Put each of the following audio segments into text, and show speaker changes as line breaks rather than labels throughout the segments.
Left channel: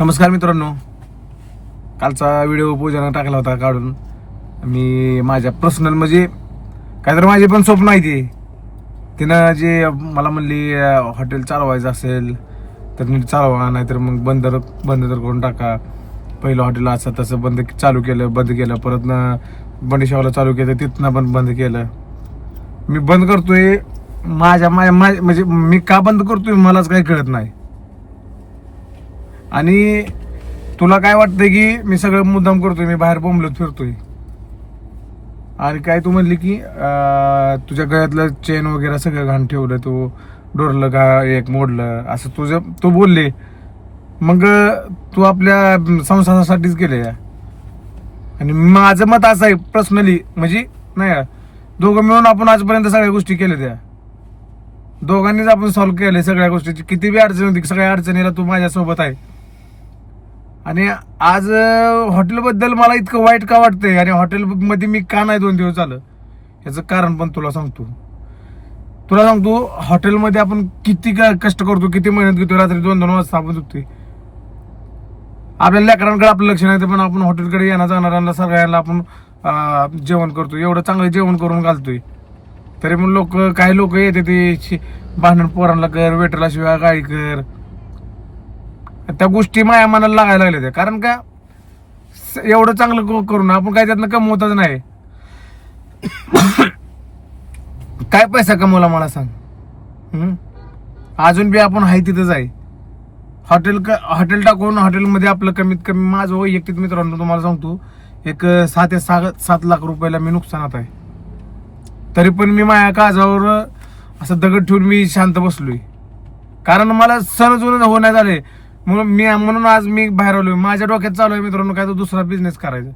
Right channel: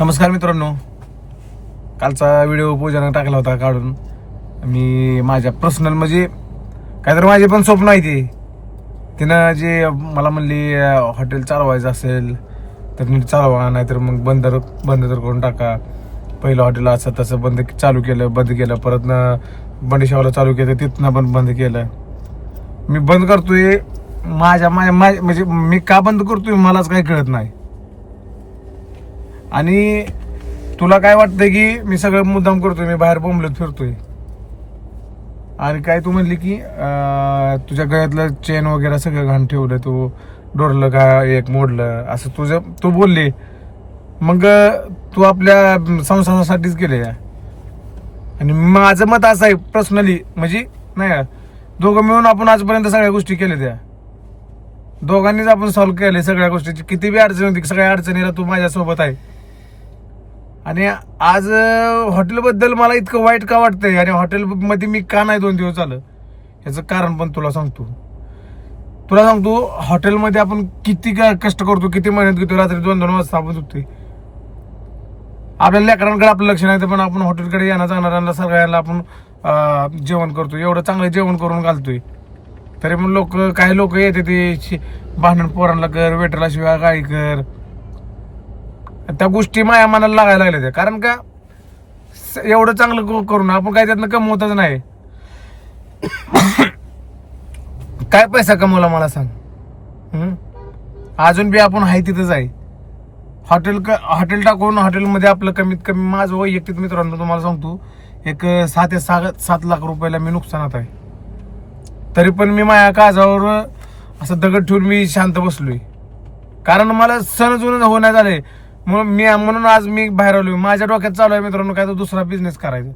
नमस्कार मित्रांनो. कालचा व्हिडिओ पूजानं टाकला होता काढून. मी माझ्या पर्सनल म्हणजे काहीतरी माझे पण स्वप्न आहे ती. तिनं जे मला म्हणली हॉटेल चालवायचं असेल तर नीट चालवा नाहीतर मग बंद बंद तर करून टाका. पहिलं हॉटेल असं तसं बंद चालू केलं बंद केलं. परत ना बंडेशावाला चालू केलं तिथनं पण बंद केलं. मी बंद करतोय. माझ्या माझ्या माझ्या- म्हणजे मी का बंद करतोय मलाच काही कळत नाही. आणि तुला काय वाटतंय की मी सगळं मुद्दाम करतोय मी बाहेर बोंबलत फिरतोय? आणि काय तू म्हणली की तुझ्या गळ्यातलं चेन वगैरे सगळं घाण ठेवलं तू डोरलं का एक मोडलं असं तुझं तू बोलली. मग तू आपल्या संसारासाठीच केले आणि माझं मत असं आहे पर्सनली म्हणजे नाही दोघं मिळून आपण आजपर्यंत सगळ्या गोष्टी केल्या त्या. दोघांनीच आपण सॉल्व्ह केले सगळ्या गोष्टीची. किती बी अडचण होती सगळ्या अडचणीला तू माझ्यासोबत आहे. आणि आज हॉटेलबद्दल मला इतकं वाईट का वाटतंय? आणि हॉटेलमध्ये मी का नाही दोन दिवस झालं? याचं कारण पण तुला सांगतो. तुला सांगतो हॉटेलमध्ये आपण किती कष्ट करतो किती मेहनत घेतो रात्री दोन दोन वाजता आपण झोपतोय. आपल्या लेकरांकडे आपलं लक्ष नाही तर पण आपण हॉटेलकडे येणार जाणाऱ्यांना सगळ्यांना आपण जेवण करतो एवढं चांगलं जेवण करून घालतोय. तरी पण लोक काही लोक येते ते भांडण पोरांना कर वेटरला शिवाय गाडी कर. त्या गोष्टी माया मनाला लागायला लागल्या त्या. कारण का स- एवढं चांगलं क- करून आपण काय त्यातनं कमवतच नाही. काय पैसा कमवला मला सांग? अजून बी आपण आहे तिथंच आहे. हॉटेल क- हॉटेल टाकून हॉटेलमध्ये आपलं कमीत कमी माझं वैयक्तिक मित्रांनो तुम्हाला सांगतो एक सहा ते सहा सात लाख रुपयाला मी नुकसानात आहे. तरी पण मी माझ्या काजावर असं दगड ठेवून मी शांत बसलोय. कारण मला सण जुनं होण्यात आले. म्हणून मी म्हणून आज मी बाहेर आलोय. माझ्या डोक्यात चालू आहे मित्रांनो काय तर दुसरा बिझनेस करायचा.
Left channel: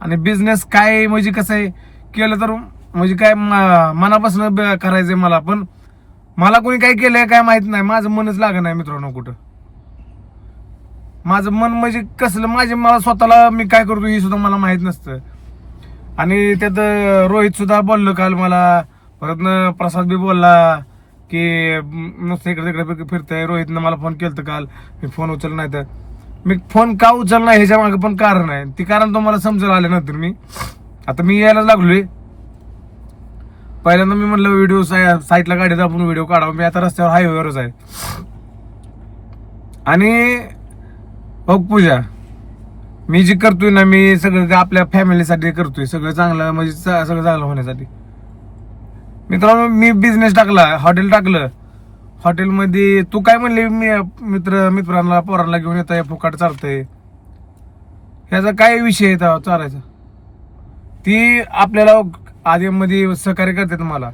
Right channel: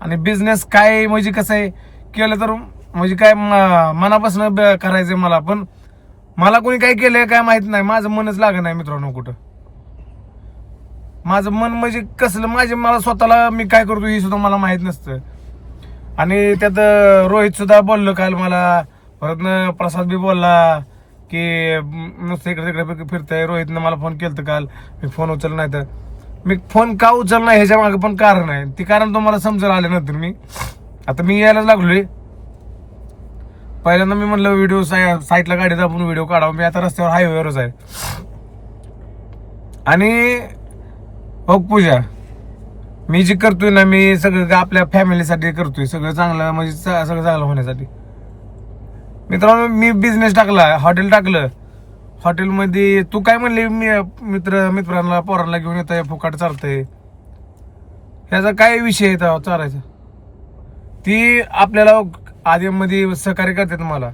आणि बिझनेस काय म्हणजे कसं आहे? केलं तर म्हणजे काय म- मनापासून ब- करायचंय मला. पण मला कोणी काय केलंय काय माहीत नाही. माझं मनच लागत नाही मित्रांनो कुठं. माझं मन म्हणजे कसलं? माझे मला स्वतःला मी काय करतो हे सुद्धा मला माहीत नसतं. आणि त्यात रोहित सुद्धा बोललो काल मला. परत प्रसाद बी बोलला. की नुसतं इकडे तिकडे फिरतंय. रोहितनं मला फोन केलं काल. मी फोन उचलला नाही तर. मी फोन का उचलला नाही ह्याच्या मागे पण कारण आहे. ते कारण तुम्हाला समजेल आल्यानंतर मी. आता मी यायला लागलोय. पहिल्यांदा मी म्हणलं व्हिडिओ साईटला गाडी दाबून व्हिडिओ काढावा. मी आता रस्त्यावर हायवेवरच आहे. आणि बघ पूजा मी जी करतोय ना मी सगळं आपल्या फॅमिलीसाठी करतोय. सगळं चांगलं म्हणजे सगळं चांगलं होण्यासाठी. मित्रांनो मी बिझनेस टाकला हॉटेल टाकलं. हॉटेलमध्ये तू काय म्हणली मी मित्र मित्रांना पोरांना घेऊन येत आहे फुकाट चालतंय. ह्याचा काय विषय आहे चालायचा. ती आपल्याला आधीमध्ये सहकार्य करतात मला.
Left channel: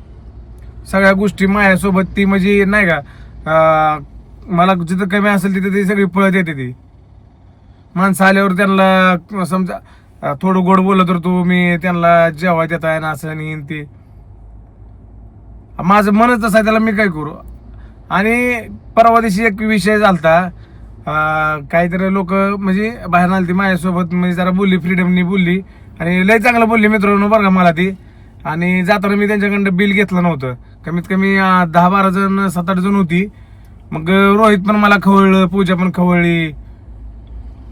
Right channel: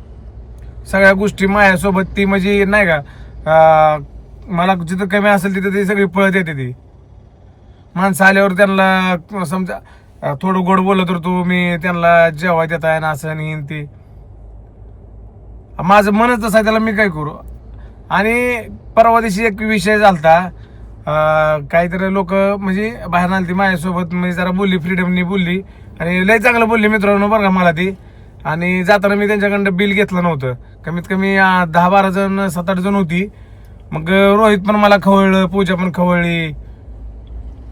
सगळ्या गोष्टी माझ्यासोबत ती म्हणजे नाही का मला जिथं कमी असेल तिथं ती सगळी पळत येते ती. माणसं आल्यावर त्यांना समजा थोडं गोड बोललं तर तू मी त्यांना जेवाय देत आहे ना असं आणि ते. माझं मनच तसं आहे त्याला मी काय करू? आणि परवा दिवशी एक विषय झालता. काहीतरी लोक म्हणजे बाहेर आली ती माझ्यासोबत म्हणजे जरा बोलली फ्रीडमनी बोलली. आणि लय चांगलं बोलली मित्रांनो बरं का मला ती. आणि जाताना मी त्यांच्याकडनं बिल घेतलं नव्हतं. कमीत कमी दहा बारा जण सात आठ जण होती. मग रोहित पण मला खवळलं पूजा पण खवळली.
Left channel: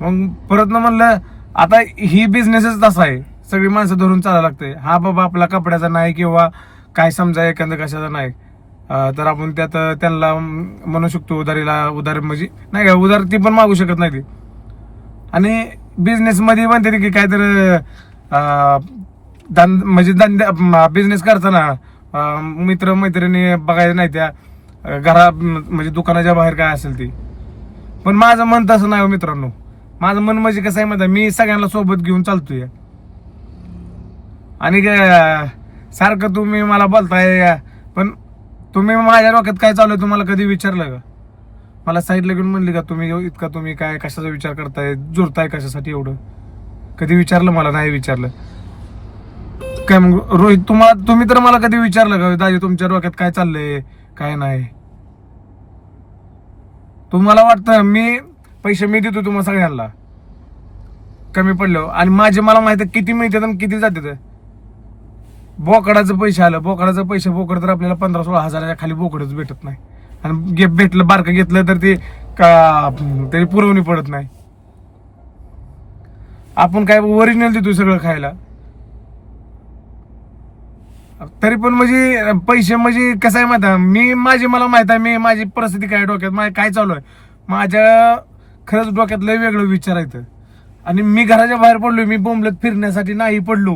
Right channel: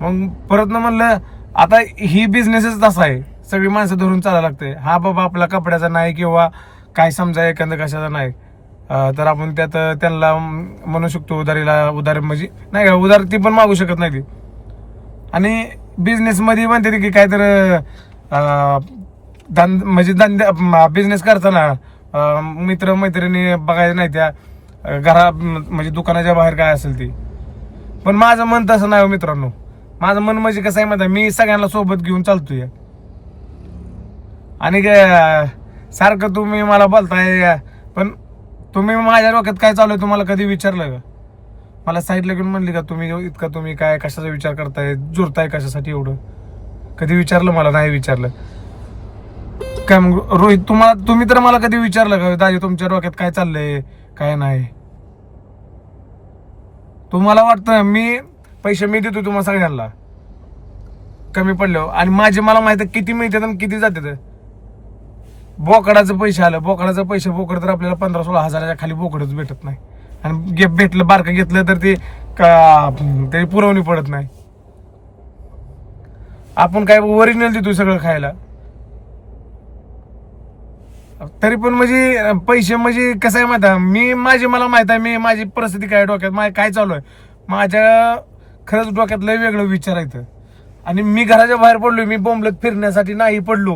मग परत ना म्हणलं आता ही बिझनेसच तसा आहे. सगळी माणसं धरून चालायला लागते हा बाबा आपला कपड्याचा नाही किंवा काय समजा एखादं कशाचा नाही. तर आपण त्यात त्यांना म्हणू शकतो उधारीला उधार म्हणजे नाही का उधार ती पण मागू शकत नाही ती. आणि बिझनेसमध्ये म्हणते की काय तर म्हणजे धंदा बिझनेस करताना मित्र मैत्रिणी बघायचं नाही त्या घरा म्हणजे दुकानाच्या बाहेर काय असेल ती. पण माझं मन तसं नाही हो मित्रांनो. माझं मन म्हणजे कसं आहे माहिती मी सगळ्यांना सोबत घेऊन चालतोय. आणि काय सारखं तुम्ही मला बोलताय पण तुम्ही माझ्या डोक्यात काय चालू आहे तुम्हाला कधी विचारलं का? मला साईडला घेऊन म्हणली का तुम्ही इतका तुम्ही काय कशाचा विचार करताय? जुरताय कशासाठी एवढं? कधी विचारलं मला? नाही विचारलं. काय मग रोहित तुम्हाला तुम्ही तर मला कधी विचारलं का दाजी तुमच्या डोक्यात काय चाललंय? काय नाही? तुम्हाला वाटतं मी पैसे मी देतो तुम्हाला सगळ्यांना. कमी पडलो हो. आणि माझे मला माहिती आहे किती मिळतात आणि किती जातात. बोकडाचं पैसे आलं. बोकडाचं पैसे बोकड तर आपल्याला पंधरा सोळा हजाराच्या खाली बोकडच भेटत नाही. आणि गे- भेटलं बारकं घेतलं तर ते का ते पुरवणी पडत नाही. आपण काय ओरिजिनल देतो सगळं खायला. तरी पण म्हणजे पैसे म्हणजे कसं आहे माहिती आहे मी माझी मला माहीत आहे मी माझी परिस्थिती काय डोक्यात? माझ्या काय चालू आहे? माझ्या खरंच डोक्यात लय वेगळं विचार आहेत आणि मी घराच्या बाहेर पडलोय मी बोंबलत फिरण्यासाठी नाही पडलो.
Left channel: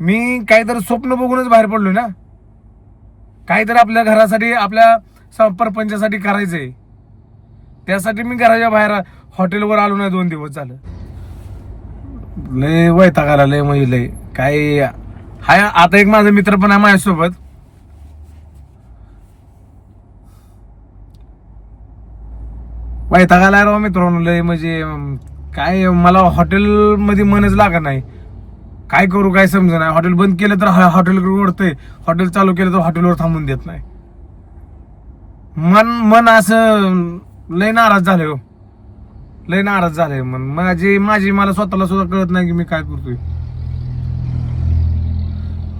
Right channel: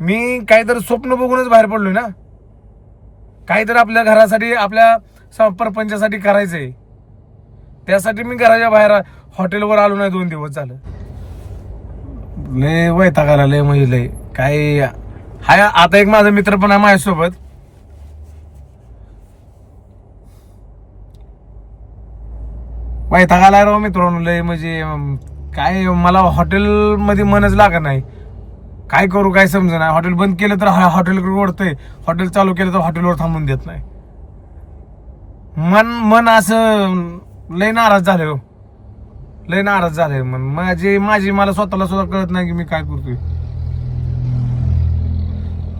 मी काहीतरी स्वप्न बघूनच बाहेर पडलोय ना. काहीतरी आपल्या घरासाठी आपल्या स- परपंचासाठी करायचंय. त्यासाठी मी घराच्या बाहेर हॉटेलवर आलो नाही दोन दिवस झालं. लय वैतागाला लय म्हणजे लय काय हाय आता एक माझा मित्र पण आहे माझ्यासोबत. वैताग आला राव मित्रांनो लय म्हणजे काय मला हॉटेलमध्ये मनच लागत नाही. काय करू काय समज नाही. हॉटेल बंद केलं तर हॉटेल ओढतंय. हॉटेल चालू केलं तर हॉटेलवर थांबून देत नाही. मन मन असं लय नाराज झाले हो. लय नाराज झाले मन. माझी माझी मला स्वतःला सुद्धा कळत नाही की मी काय करतोय.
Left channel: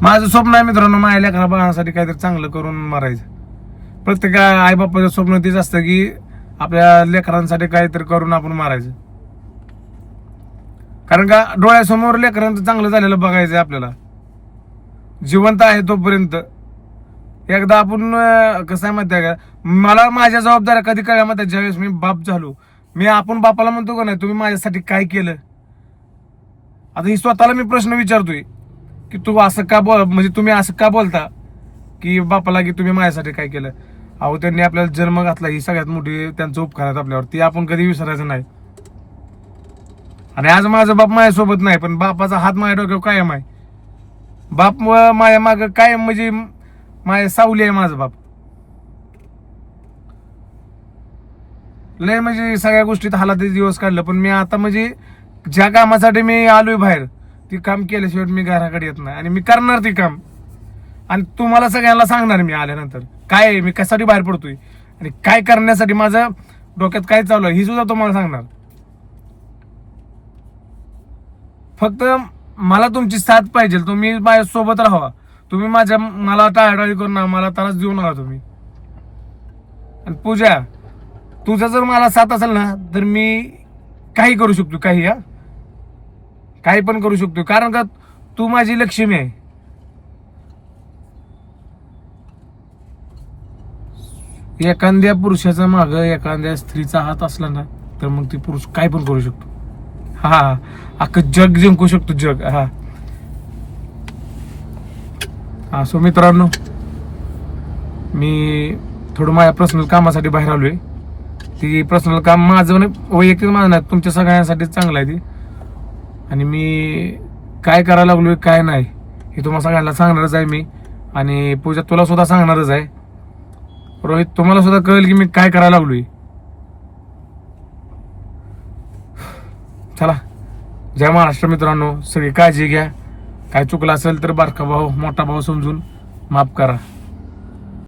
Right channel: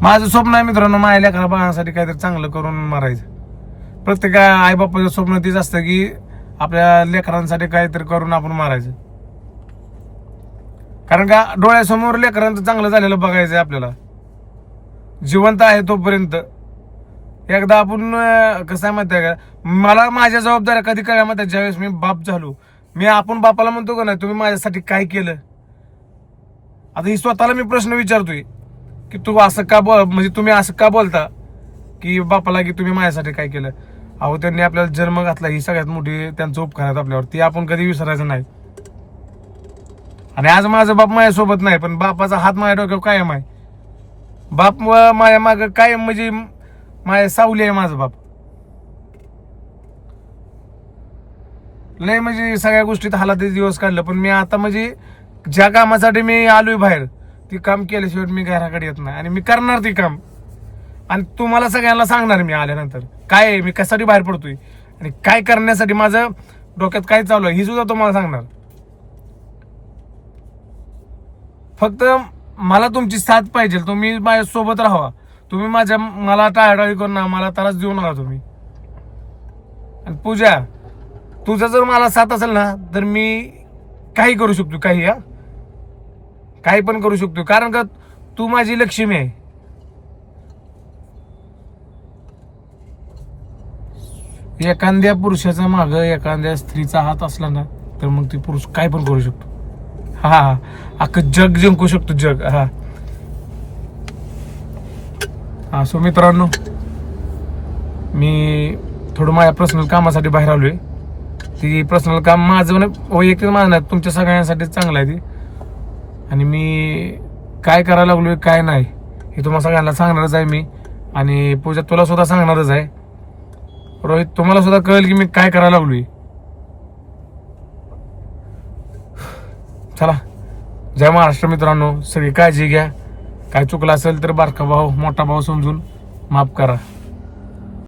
माझं स्वप्न आहे मित्रांनो माझ्या लेकरा बाळासाठी काहीतरी चांगलं करून मारायचं. प्रत्येक आई बापाचं स्वप्न तेच असतं की आपल्या लेकरांसाठी काहीतरी करून आपण मारायचं. कारण का डोळ्यासमोर लेकरांचं चांगलं झालेलं बघायचं आपल्याला. जिवंत आहे तोपर्यंत. एकदा आपण कसं आहे माहिती आहे का? मला माझ्या जबाबदाऱ्या कधी कळल्या माहिती आहे? ज्यावेळेस मी बाप झालो. मी आपण बापाला म्हणतो का नाही तुम्ही माझ्यासाठी काय केलं? आता ही स्वतःला मी प्रश्न विचारतोय की तू असं का बोल म्हणजे तुम्ही असं का बोलता की बापाला की तुम्ही माझ्यासाठी काय केलं? अहो त्यांनी आपल्याला जन्म घातला ही सगळ्यात मोठी त्यांचं उपकार आहेत आपल्यावर ती आपण कधी विसरायचं नाही. आणि आज माझा बाप माझ्यासोबत नाही पण बापाचा हात माझ्या डोक्यावर कायम आहे. बाप माझ्या माग कायम म्हणजे माझ्या सावली आहे माझा बाप. लय म्हणजे सगळ्या गोष्टीत हालाते दिवस काढलं पण मी आता म्हणजे ज्या कामासाठी मी आलोय बाहेर ती काम केल्याशिवाय मी घराकडे येत नाही. आणि मी करणार ती काम. आणि तुम्हाला सगळ्यांना सांगणार मी आल्यानंतर. काय आहे? मी कशासाठी बाहेर पडतोय? आणि काय करण्यासाठी माझं डोक्यात काय चालू आहे? ही सुद्धा तुम्हाला सांगणार. फक्त मला तुमची साथ पाहिजे. तुम्ही माझ्या सोबत राहा तुम्ही माझ्या मला टाळाटाळी करू नका. मला त्रास देऊ नका तुम्ही. आणि पूजा तुझा जर मला साथ असेल ना तर मी काही करू शकतो. काही हा? काही पण करू शकतो. कारण का तू माझी लक्ष्मी आहे. एखाद्या पुरुषाचा माग एखाद्या स्त्रीचा हात असला ना तर मग ती पुरुष काय पण करू शकतो. हा. अख्खं जग जिंकू शकतो जग. हा. हा सो मित्रांनो मी थोडं माझ्या पर्सनल कामासाठी बाहेर आलोय. ती पर्सनल काम माझं नाही वैयक्तिक माझं नाही तुमच्या सगळ्यांसाठी चांगलं आहे ती. आणि मी काय करायला लागलोय काय नाही हे तुम्हाला सगळ्यांना सांगणारच आहे मी. आणि पूजा तुला सुद्धा सांगणारच आहे. रोहित तुम्हाला सुद्धा कळेल की मी काय करायला लागलोय. चला. जय महाराष्ट्र मित्रांनो सगळी काळजी घ्या. काय चुकलं असेल तर बारका भाऊ मोठा भाऊ समजून माफ करा.